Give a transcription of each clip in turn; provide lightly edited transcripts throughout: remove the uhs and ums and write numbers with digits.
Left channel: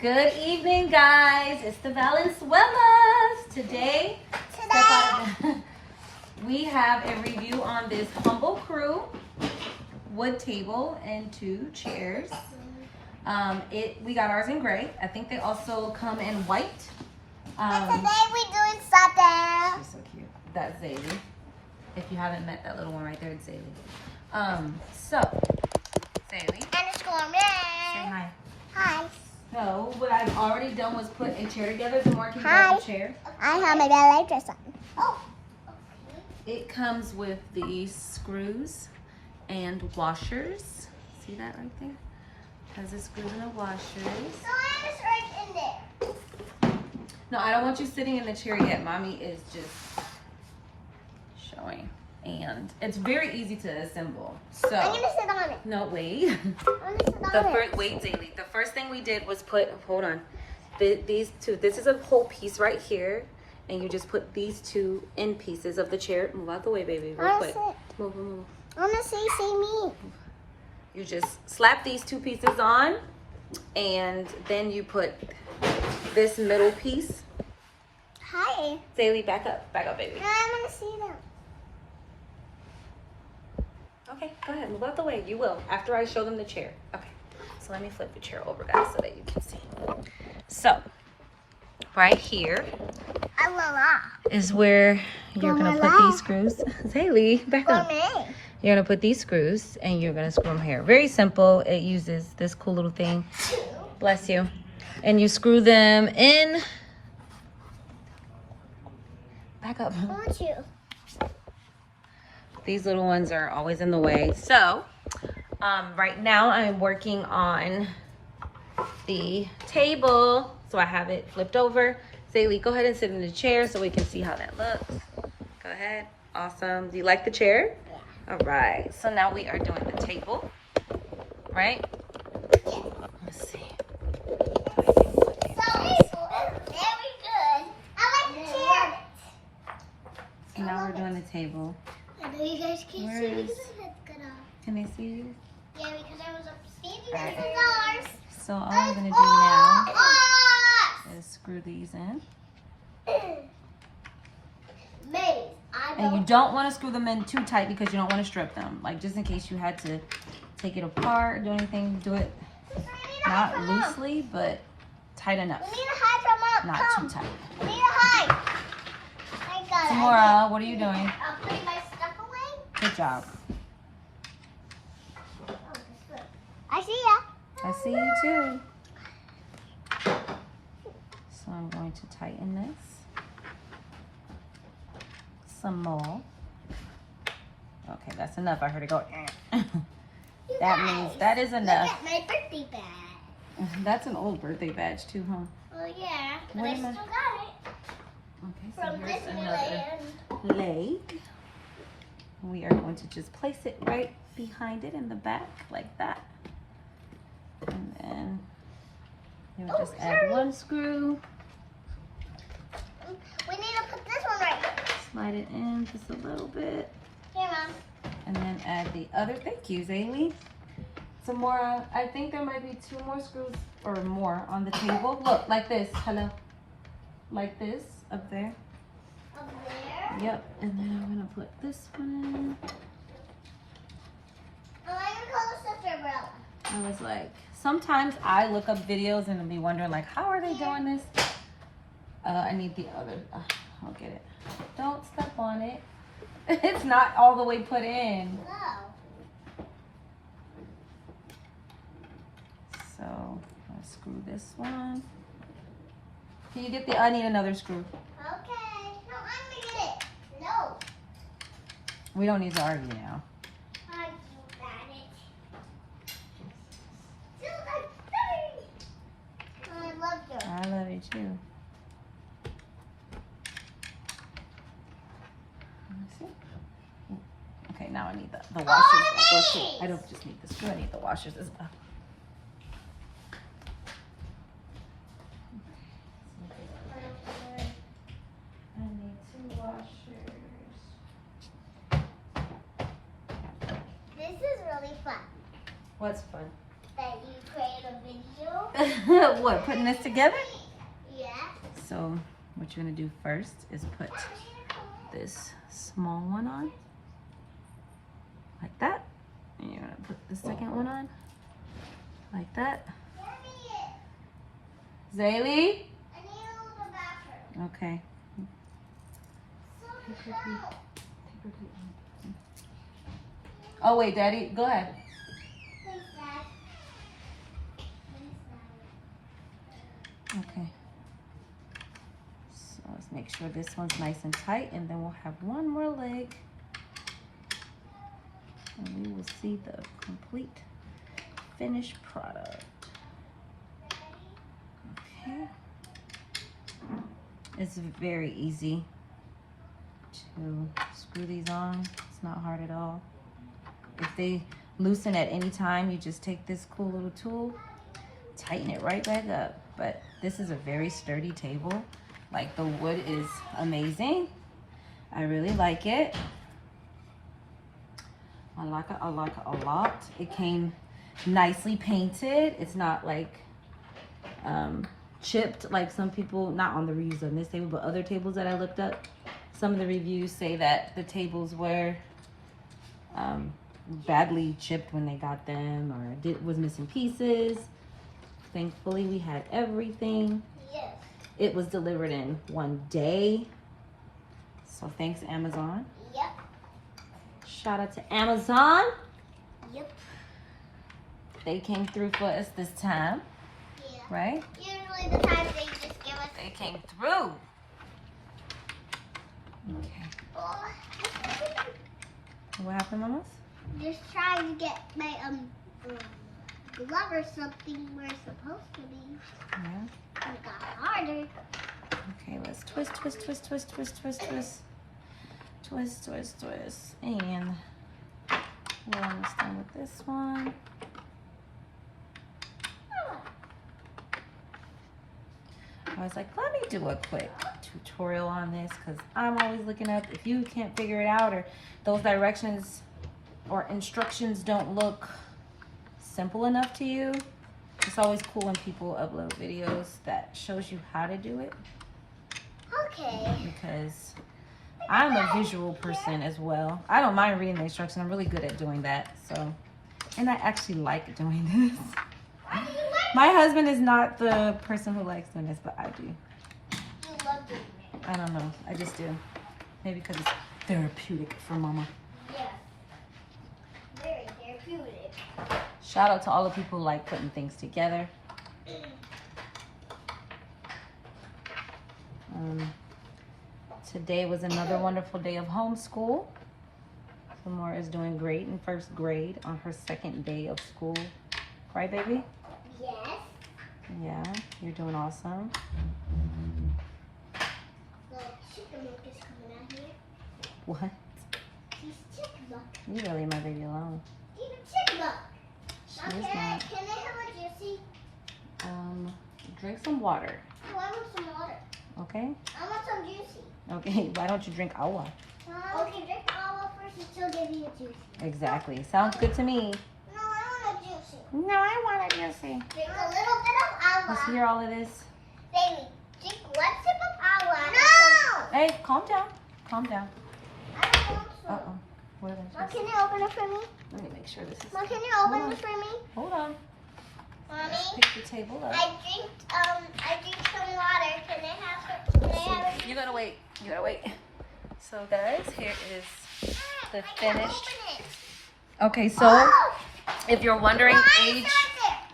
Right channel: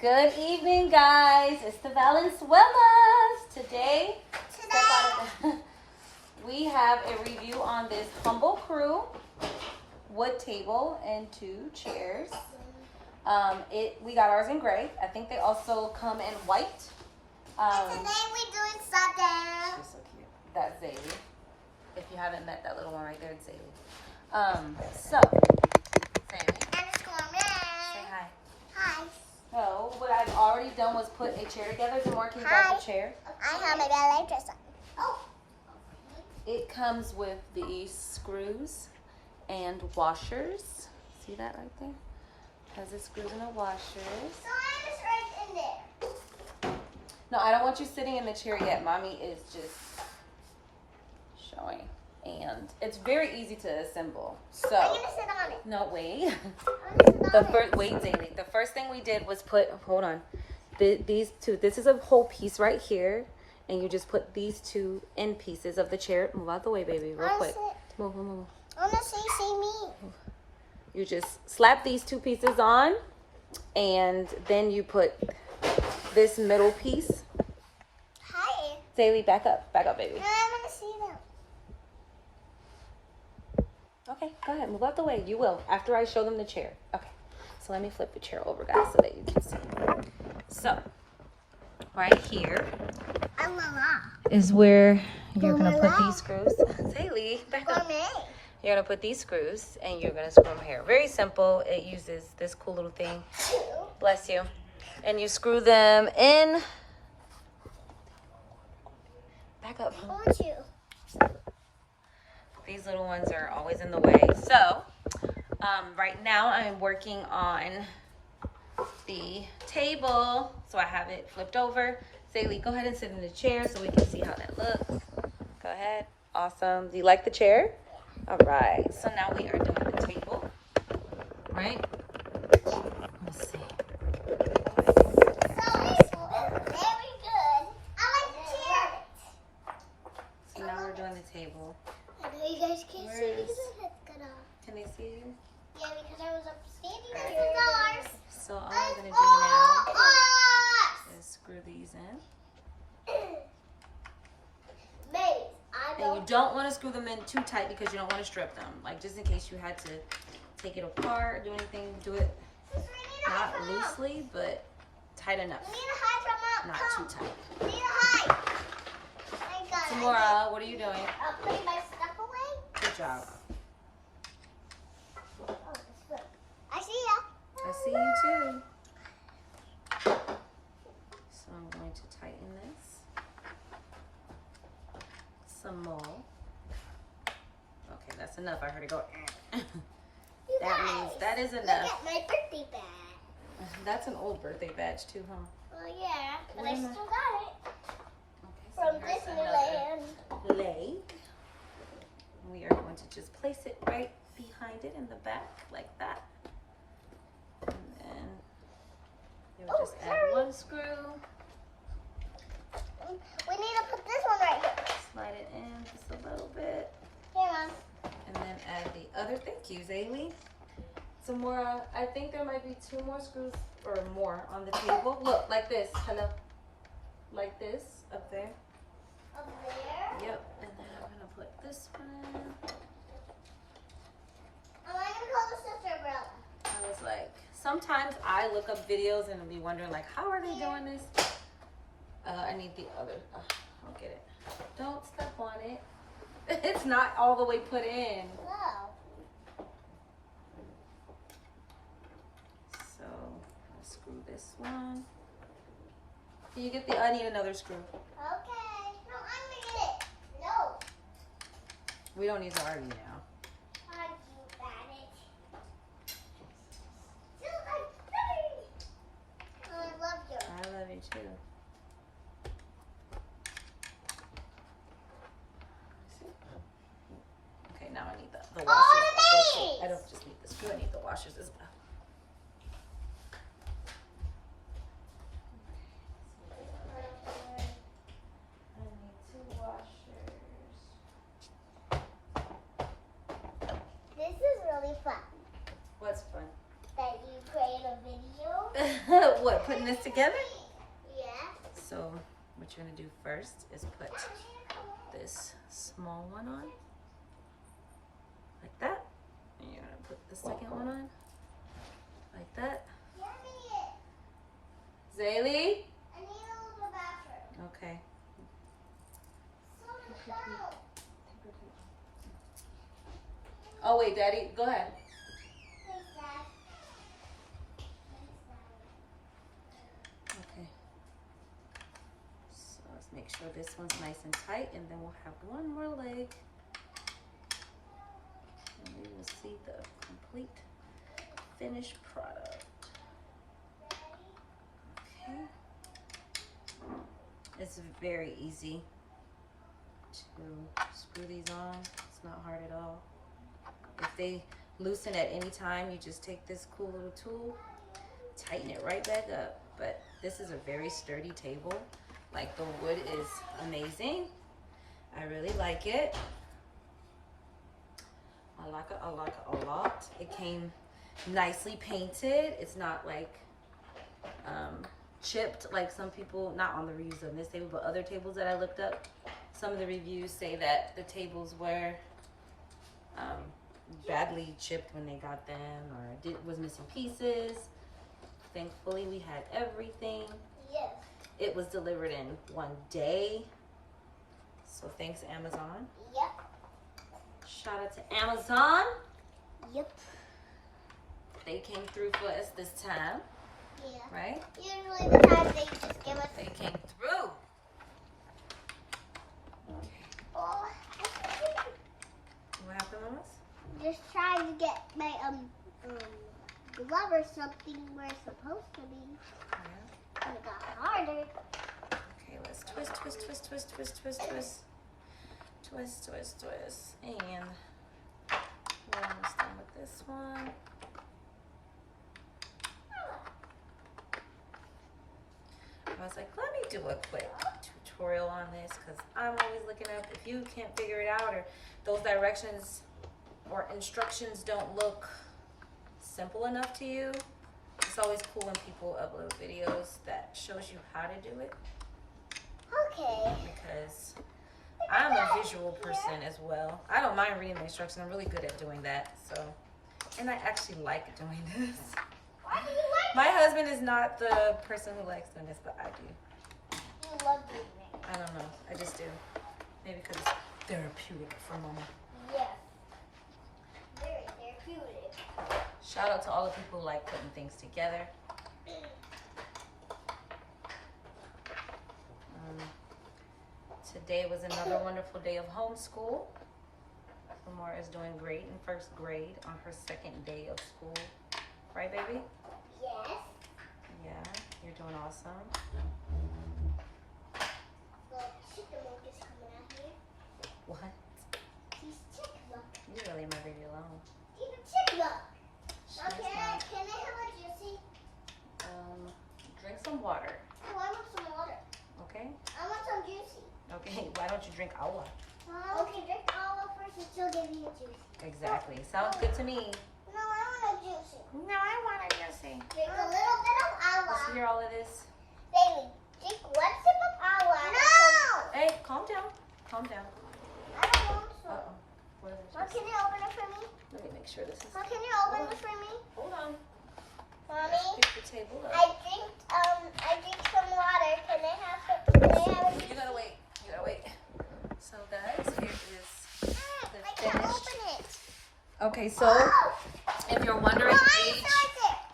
Good evening, guys. It's the Valenzuelas. Today, we have a review on this Humble Crew wood table and 2 chairs. We got ours in gray. I think they also come in white. And today we're doing something. She's so cute. That's Zaylee. If you haven't met that little one right there, it's Zaylee. So, Zaylee. Underscore me. Say hi. Hi. So, what I've already done was put a chair together. Demar, can you Hi. grab the chair? I have my ballet dress on. Oh. It comes with these screws and washers. See that right there? Has the screws and the washers. So I just right in there. No, I don't want you sitting in the chair yet. Mommy is just showing. And it's very easy to assemble. So I'm gonna sit on it. no, wait. I'm gonna sit on it. Wait, Zaylee. The first thing we did was put, hold on, these two. This is a whole piece right here, and you just put these 2 end pieces of the chair. Move out the way, baby, real quick. Move, move, move. I wanna see me. You just slap these 2 pieces on, and then you put this middle piece. Hi. Zaylee, back up, baby. I wanna see them. Okay, go ahead, move out the way. You will, after I show them the chair. Okay, so let me flip the chair over, guys, so that you can see. So, right here is where you're gonna put these screws. Zaylee, back For up. me. You're gonna put these screws, and you're gonna screw them here. Very simple. It uses this cool little thing. Bless you. And you screw them in. Back up. I want you. These little ones are always in the way. So, right now I'm working on the table. So I have it flipped over. Zaylee, go ahead and sit in the chair so we can see how that looks. Go ahead. Awesome. Do you like the chair? Yeah. All right. So now we are doing the table, right? Let's see. So it's very good. I like the chair. So now we're doing the table. I know you guys can't Where see is- because my head's cut off. Can they see you? Yeah, because I was up standing next to the doors. So all I'm gonna do now Oh, is screw these in. Maybe. I And you don't. don't want to screw them in too tight because you don't want to strip them. Like, just in case you had to take it apart or do anything, do it not loosely, but tight enough. We need to hide from Not too tight. We need to hide. I got it. Tamora, what are you doing? I'm putting my stuff away. Good job. Oh, that's good. I see ya. I see you too. So I'm going to tighten this some more. Okay, that's enough. I heard it go. That means that is Look enough. at my birthday bag. That's an old birthday badge too, huh? Oh yeah, but Where I am I? still got it Okay, so from here's Disneyland. another leg. We are going to just place it right behind it in the back like that. And then you'll just add 1 screw, We need to put this one right here. slide it in just a little bit, Here, Mom. and then add the other. Thank you, Zaylee. Some more. I think there might be 2 more screws or more on the table. Look, like this. Hello. Like this up there. Up there. Yep. And then I'm gonna put this one in. Oh, I'm gonna call the sister umbrella. I was like, sometimes I look up videos and be wondering like, how are they doing this? I need the other. I'll get it. Don't step on it. It's not all the way put in. No. So I'll screw this one. Can you get the? I need another screw. Okay. No, I'm gonna get it. No. We don't need to argue now. I got it. Still, I got it. Oh, I love you. I love you too. Let me see. Okay, now I need the washers. Oh, I don't just need the screw. I need the washers as well. I need 2 washers. This is really fun. What's fun? That you create a video What, putting this together? Yeah. So what you're gonna do first is put this small one on, like that. And you're gonna put the second one on, like that. Zaylee? I need to go to the bathroom. Okay. Oh wait, Daddy, go ahead. Please, Dad. Okay. So let's make sure this one's nice and tight, and then we'll have one more leg. And we will see the complete finished product. Okay. It's very easy to screw these on. It's not hard at all. If they loosen at any time, you just take this cool little tool, tighten it right back up. But this is a very sturdy table. Like, the wood is amazing. I really like it. I like it a lot. It came nicely painted. It's not like chipped like some people, not on the reviews on this table, but other tables that I looked up. Some of the reviews say that the tables were badly chipped when they got them, or was missing pieces. Thankfully, we had everything. Yes. It was delivered in one day. So thanks, Amazon. Yep. Shout out to Amazon. Yep. They came through for us this time, Yeah. right? Usually the time they just give us. They came through. Okay. Oh, What happened, mamas? just trying to get my glove or something where it's supposed to be. Yeah. And it got harder. Okay, let's twist. And we're almost done with this one. I was like, let me do a quick tutorial on this, because I'm always looking up. If you can't figure it out, or those directions or instructions don't look simple enough to you, it's always cool when people upload videos that shows you how to do it, Okay. because I'm a visual person as well. I don't mind reading the instructions. I'm really good at doing that. So, and I actually like doing this. My husband is not the person who likes doing this, but I do. You love doing it. I don't know. I just do. Maybe because it's therapeutic for mama. Yeah. Very therapeutic. Shout out to all the people who like putting things together. Today was another wonderful day of homeschool. Samora is doing great in first grade on her second day of school. Right, baby? Yes. Yeah, you're doing awesome. The chicken milk is coming out here. What? He's chicken milk. You really leave my baby alone. Even chicken milk. She Mom, is not. can I have a juicy? Drink some water, Oh, I want some water. okay? I want some juicy. Okay, why don't you drink agua? Okay, drink all first and she'll give you a juicy. Exactly. Sounds good to me. No, I want a juicy. No, I want a juicy. Drink a little bit of agua. Let's hear all of this. Baby, drink one sip of agua. No! Hey, calm down. Calm down. I don't want some. Uh-oh. What did I Mom, just... can you open it for me? Let me make sure this is... Mom, can you open Hold it for me? Hold on. Mommy, Pick the table up. I drink some water. Can I have it? You gotta wait. You gotta wait. So, guys, here is the finished... Okay, so Oh! if you're wondering age...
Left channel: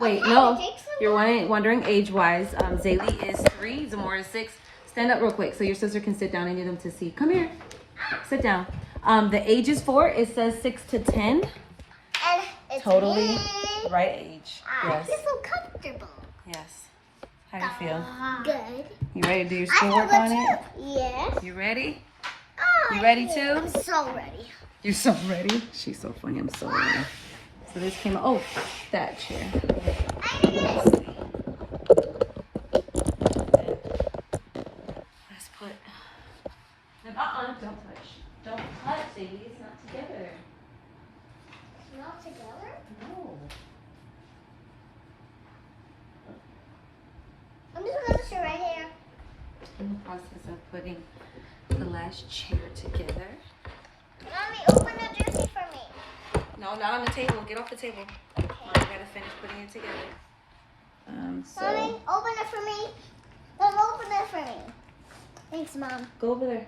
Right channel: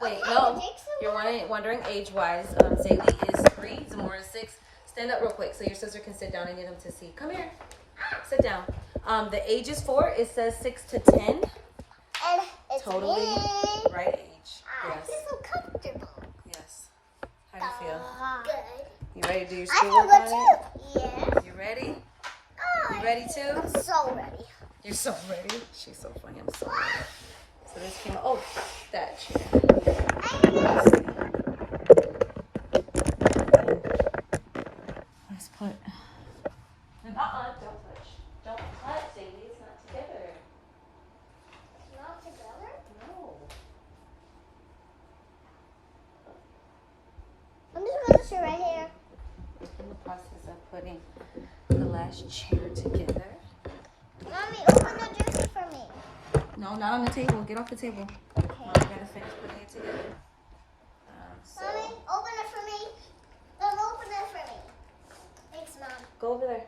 Wait, Okay, no. drink some You're wondering age-wise, Zaylee is 3, Zamora is 6. Stand up real quick so your sister can sit down. I need them to see. Come here. Sit down. The age is 4. It says 6 to 10. And it's Totally me. right age. I Yes. feel so comfortable. Yes. How you feel? Good. You ready to do your I feel schoolwork good on it? too. Yes. You ready? Oh, You ready too? I'm so ready. You're so ready. She's so funny. I'm so ready. So this came. Oh, that chair. Let's see. Let's put. Don't touch. Don't touch, Sadie. It's not together. Not together? No. in the process of putting the last chair together. Mommy, open the dresser for me. No, not on the table. Get off the table. Mom, gotta finish putting it together. Mommy, So open it for me. Mom, open it for me. Thanks, Mom. go over there.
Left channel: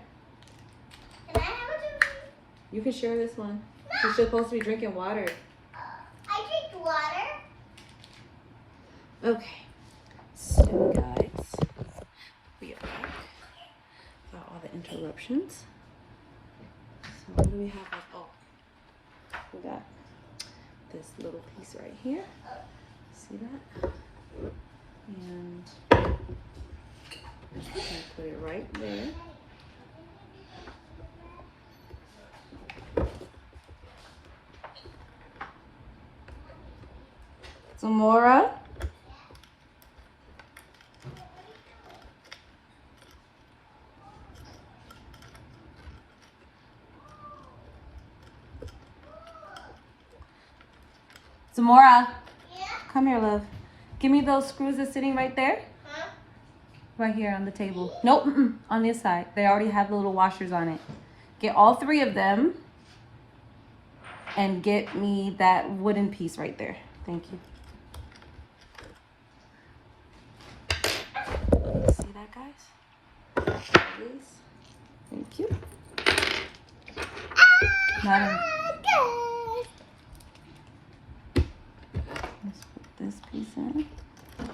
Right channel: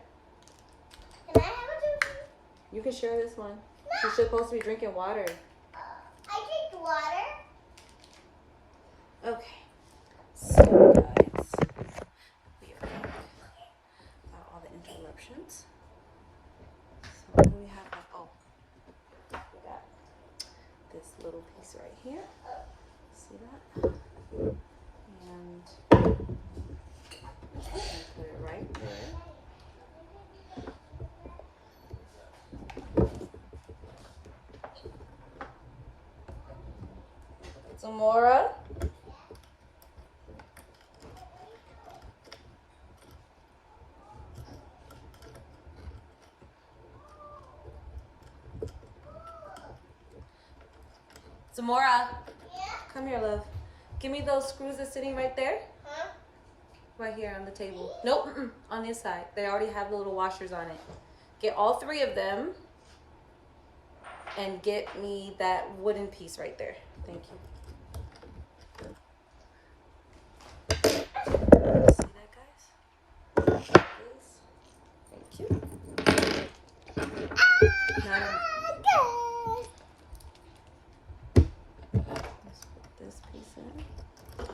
Can I have a dresser? You can share this one. She's supposed to be drinking water. I drink water. Okay. So guys, we are back. Got all the interruptions. So what do we have? Oh, we got this little piece right here. See that? And we put it right there. Zamora. Zamora, Yeah? come here, love. Give me those screws that's sitting right there. Huh? Right here on the table. Nope, on this side. They already have the little washers on it. Get all 3 of them and get me that wooden piece right there. Thank you. See that, guys? Please. Thank you. Now this piece in.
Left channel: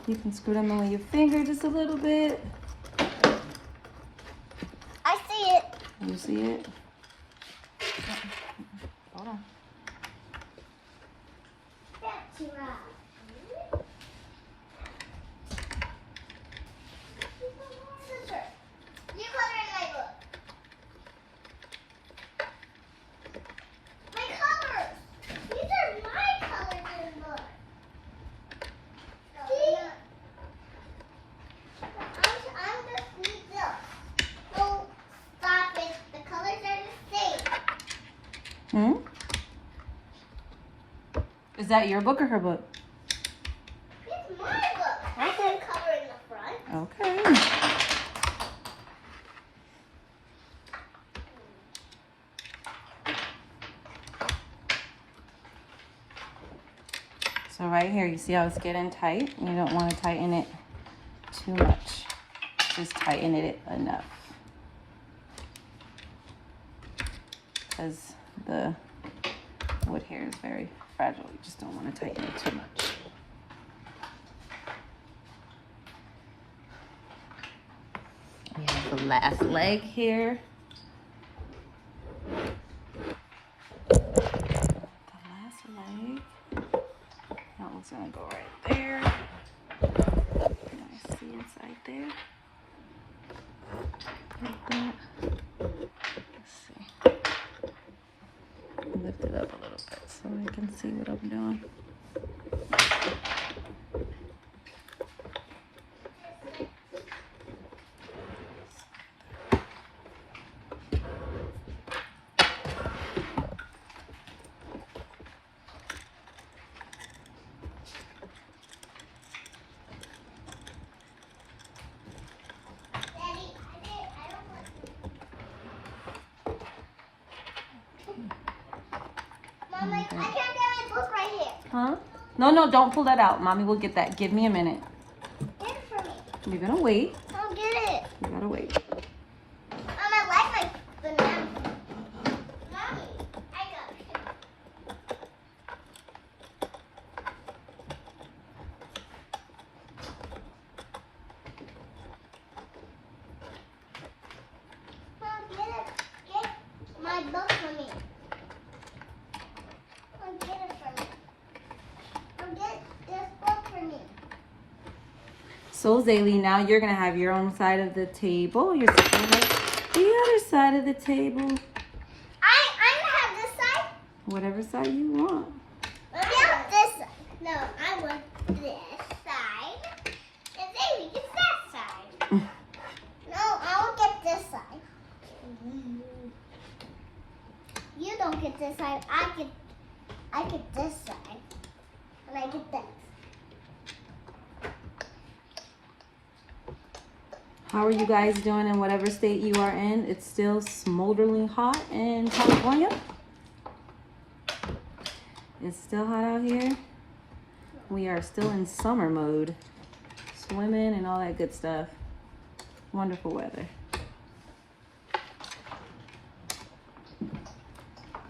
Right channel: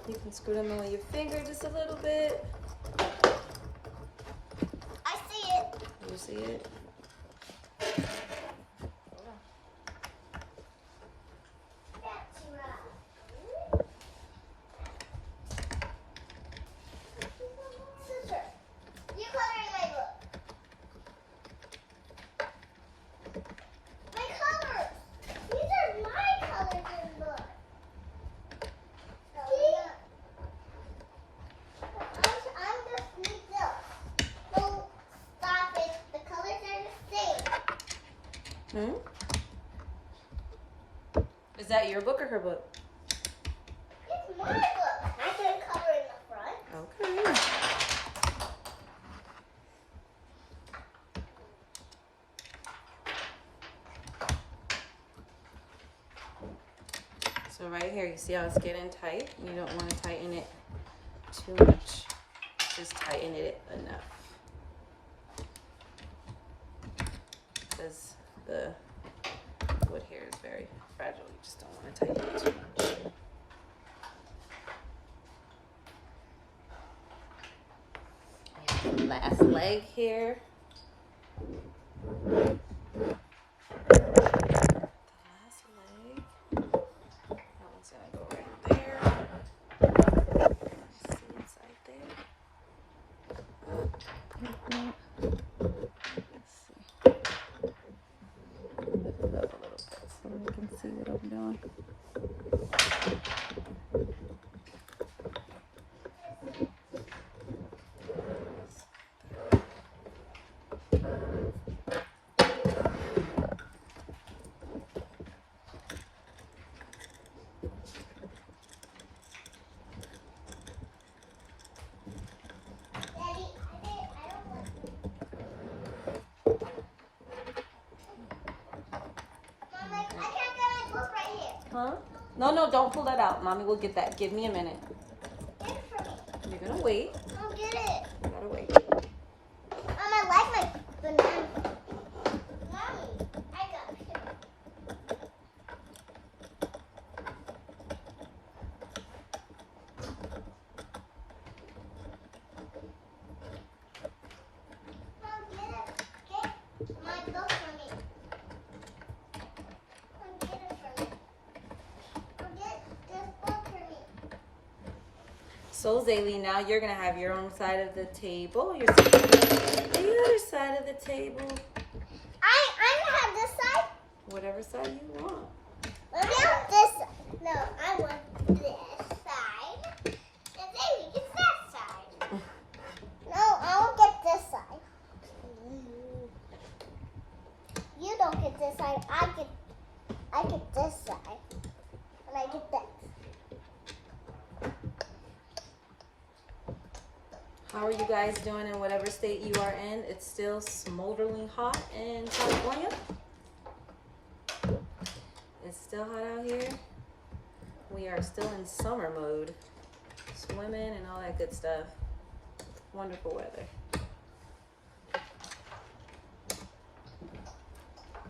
You can screw them in with your finger just a little bit. I see it. You see it? Hold on. That's right. Sister, you color in my book. My colors. These are my colors in the book. See? I'm just need this. No, stop it. The colors are the same. Hmm? Is that your book or her book? It's my book. I can color in the front. Okay. So right here, you see how it's getting tight? You don't want to tighten it too much. Just tighten it enough. Because the wood here is very fragile. You just don't want to tighten it too much. We have the last leg here. The last leg. That one's gonna go right there. See inside there. Let's see. Lift it up so we can see what I'm doing. Daddy, I don't want. Mom, I can't get my book right here. Huh? No, don't pull that out. Mommy will get that. Give me a minute. Get it for me. You're gonna wait. I'll get it. You gotta wait. Mom, I like my banana. Mommy, I got it. Mom, get my book for me. Mom, get it for me. Mom, get this book for me. So Zaylee, now you're gonna have your own side of the table. You're sitting on the other side of the table. I'm gonna have this side. Whatever side you want. I want this. No, I want this side. And then gets that side. No, I'll get this side. You don't get this side. I get this side. And I get this. How are you guys doing in whatever state you are in? It's still smolderingly hot in California. It's still hot out here. We are still in summer mode. Swimming and all that good stuff. Wonderful weather.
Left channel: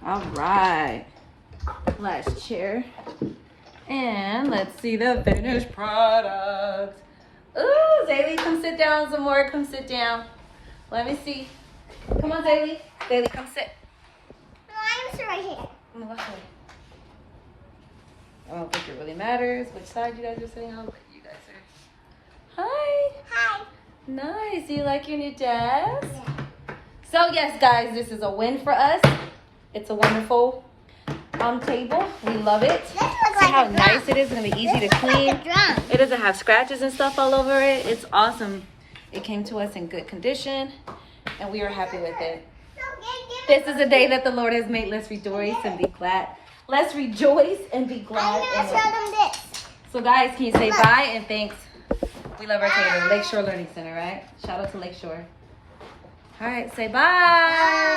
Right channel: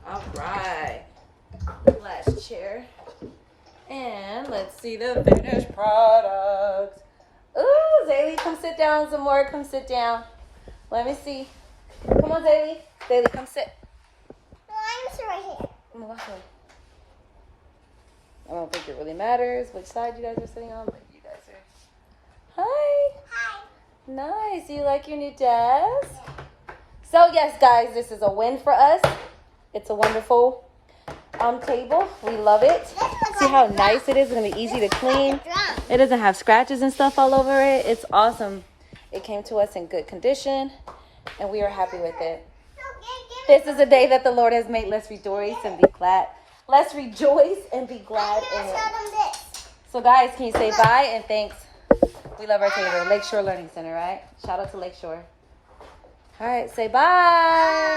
All right. Last chair. And let's see the finished product. Ooh, Zaylee, come sit down some more. Come sit down. Let me see. Come on, Zaylee. Zaylee, come sit. No, I'm just right here. No, go ahead. I don't think it really matters which side you guys are sitting on, but you guys are. Hi. Hi. Nice. You like your new desk? Yeah. So yes, guys, this is a win for us. It's a wonderful table. We love it. This looks See like how a drum. nice it is. It's gonna be easy to This looks clean. like a drum. It doesn't have scratches and stuff all over it. It's awesome. It came to us in good condition, and we are happy with it. This is the day that the Lord has made. Let's rejoice and be glad. Let's rejoice and be glad I'm in gonna it. show them this. So guys, can you say bye and thanks? We love our table. Lakeshore Learning Center, right? Shout out to Lakeshore. All right, say bye. Bye.